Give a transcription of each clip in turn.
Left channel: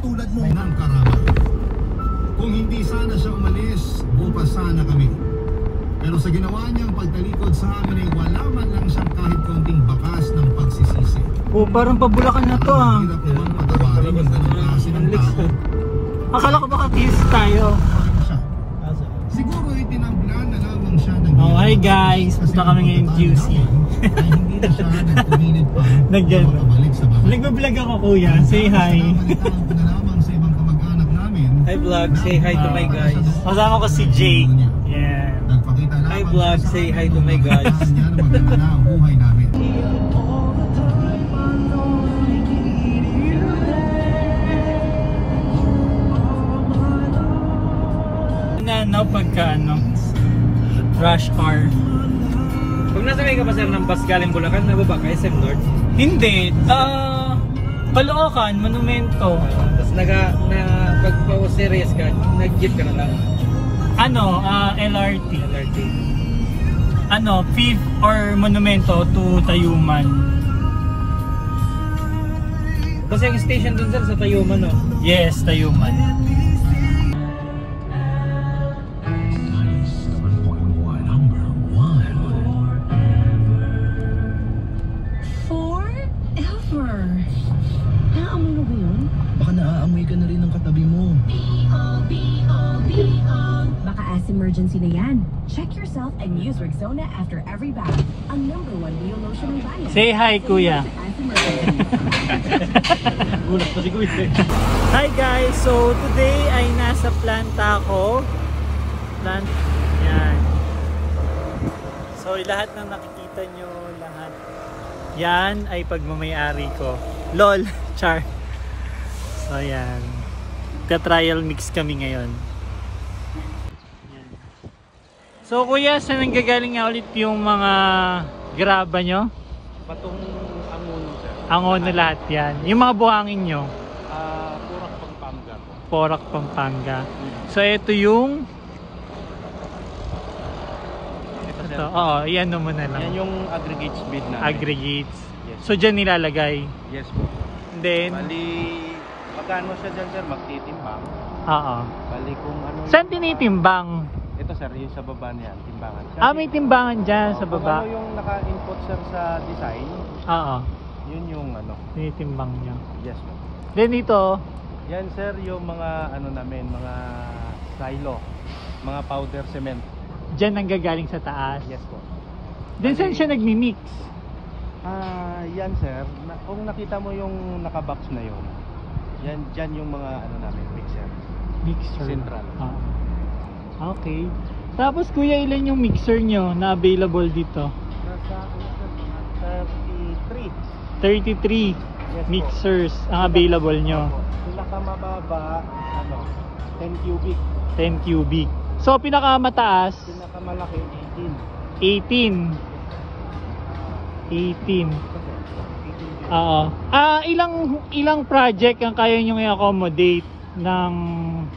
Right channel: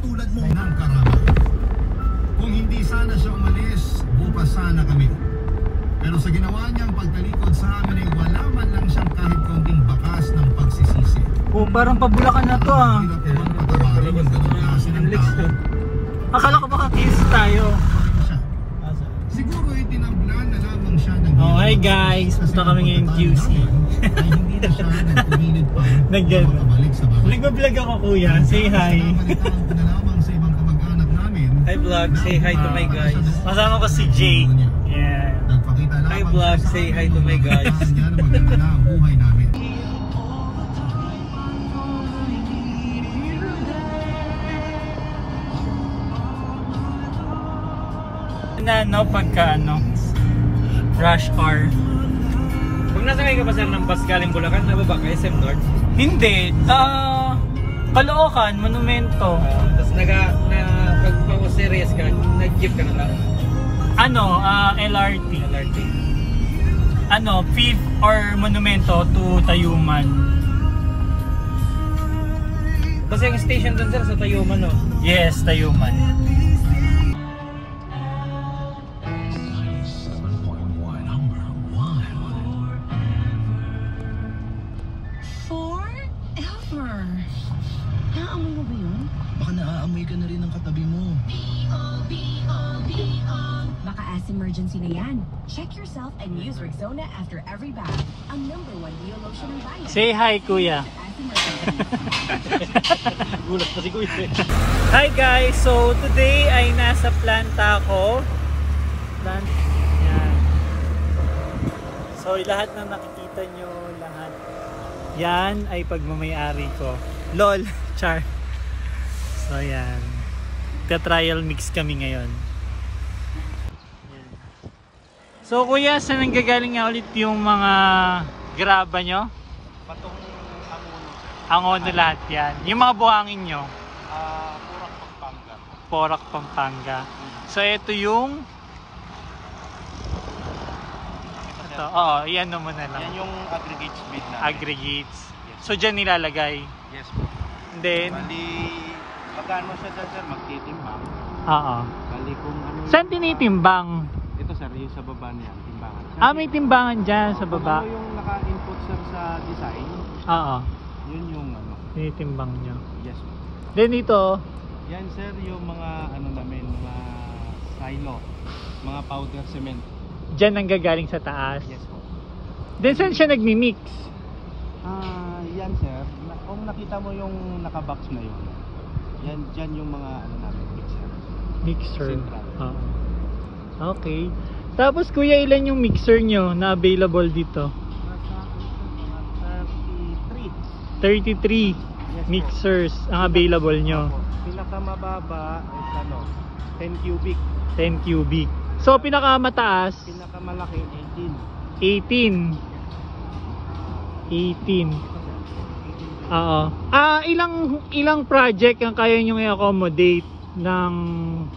katulad mo. Ng karama. Kung hindi sana siya umalis, bukas sana kami. Pero sa ginawa niyang pagtalikod sa amin ay wala man lang siyang kahit kaunting bakas ng pagsisisi. Oh, parang pabulakan na to ah. Akala ko baka kiss tayo. Siguro itinablan na lamang siya ng... Oh, hi guys! Punta kami ngayon QC. Hindi na siya nagpumilit pa. Nagbablog ako kuya. Say hi. Hi vlog, say hi to my guys. Kasama ko si Jay. Yeah. Hi vlog, say hi to my guys. Na pagka rush hour. Pag nasakay ka pa sir ng bus galing Bulacan, nababa ka SM North? Hindi. Caloocan, Monumento. Tapos pag series ka, nag-jeep ka na ba? LRT. LRT. Fifth or Monumento to Tayuman. Basta yung station dun sir sa Tayuman, no? Yes, Tayuman. Baka naaamoy ka na rin ng katabi mo. Baka as emergency na yan. Check yourself and use Rexona after every bath. Ang #1 Bio lotion ng bayan. Say hi, kuya. Gulat pa si kuya. Hi guys! So today ay nasa planta ako. Yan. So lahat ng nakikita nyo, lahat yan ay pagmamayari ko. LOL! Char! So yan. Ka-trial mix kami ngayon. Yan. So kuya, saan nanggagaling nga ulit yung mga graba nyo? Patong Angon na lahat yan. Yung mga buhangin nyo? Porac, Pampanga. Porac, Pampanga. So ito yung... Ito. Oo, iyan mo na lang. Yan yung aggregates bid na. Aggregates. Yes. So dyan nilalagay. Yes po. And then... Bali, magkano siya dyan sir? Magtitimbang. Oo. Bali kung ano... Saan tinitimbang? Ito sir, yung sa baba niyan, timbangan. May timbangan dyan sa baba. Kung ano yung naka-input sir sa design, Oo. yun yung ano. Tinitimbang nyo. Yes. Then ito, Yan sir, yung mga ano namin, mga silo, mga powder cement. dyan ang gagaling sa taas. Yes po. Then saan siya nagmi-mix? Yan sir, kung nakita mo yung naka-box na yun, yan dyan yung mga ano namin, mixer. Mixer. Central. Okay. Tapos kuya, ilan yung mixer nyo na available dito? Nasa 33. 33 Yes, mixers ang available nyo. Pinakamababa is ano, 10 cubic. 10 cubic. So pinakamataas, Pinakamalaki 18. 18. Oo. Ilang project ang kaya nyo i-accommodate ng,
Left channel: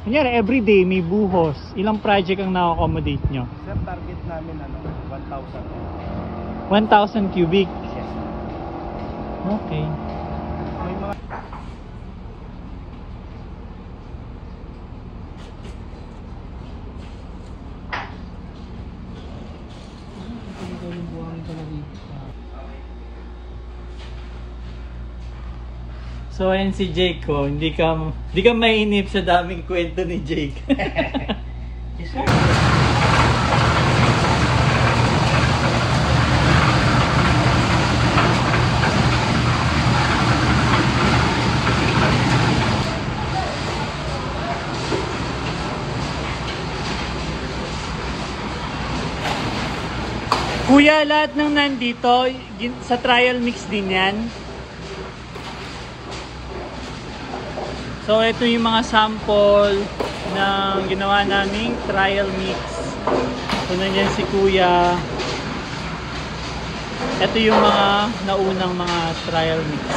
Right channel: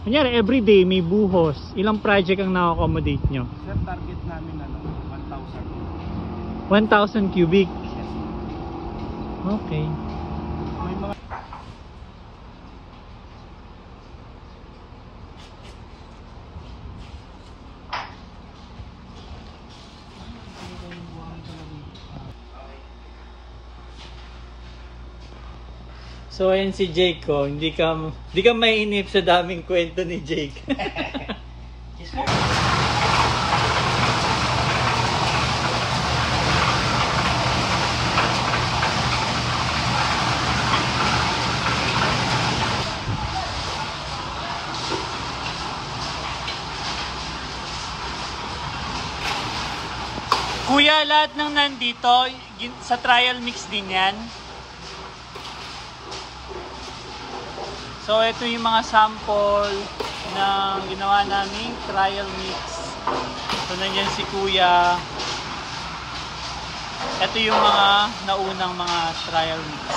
kunyari everyday may buhos. Ilang project ang na-accommodate nyo? Sir, target namin ano, 1,000. 1,000 cubic. Yes. Okay. May mga So ayan si Jake ko, hindi ka mainip sa daming kwento ni Jake. yes, sir. Kuya, lahat ng nandito, sa trial mix din yan. So ito yung mga sample ng ginawa naming trial mix. So nandiyan si Kuya. Ito yung mga naunang mga trial mix.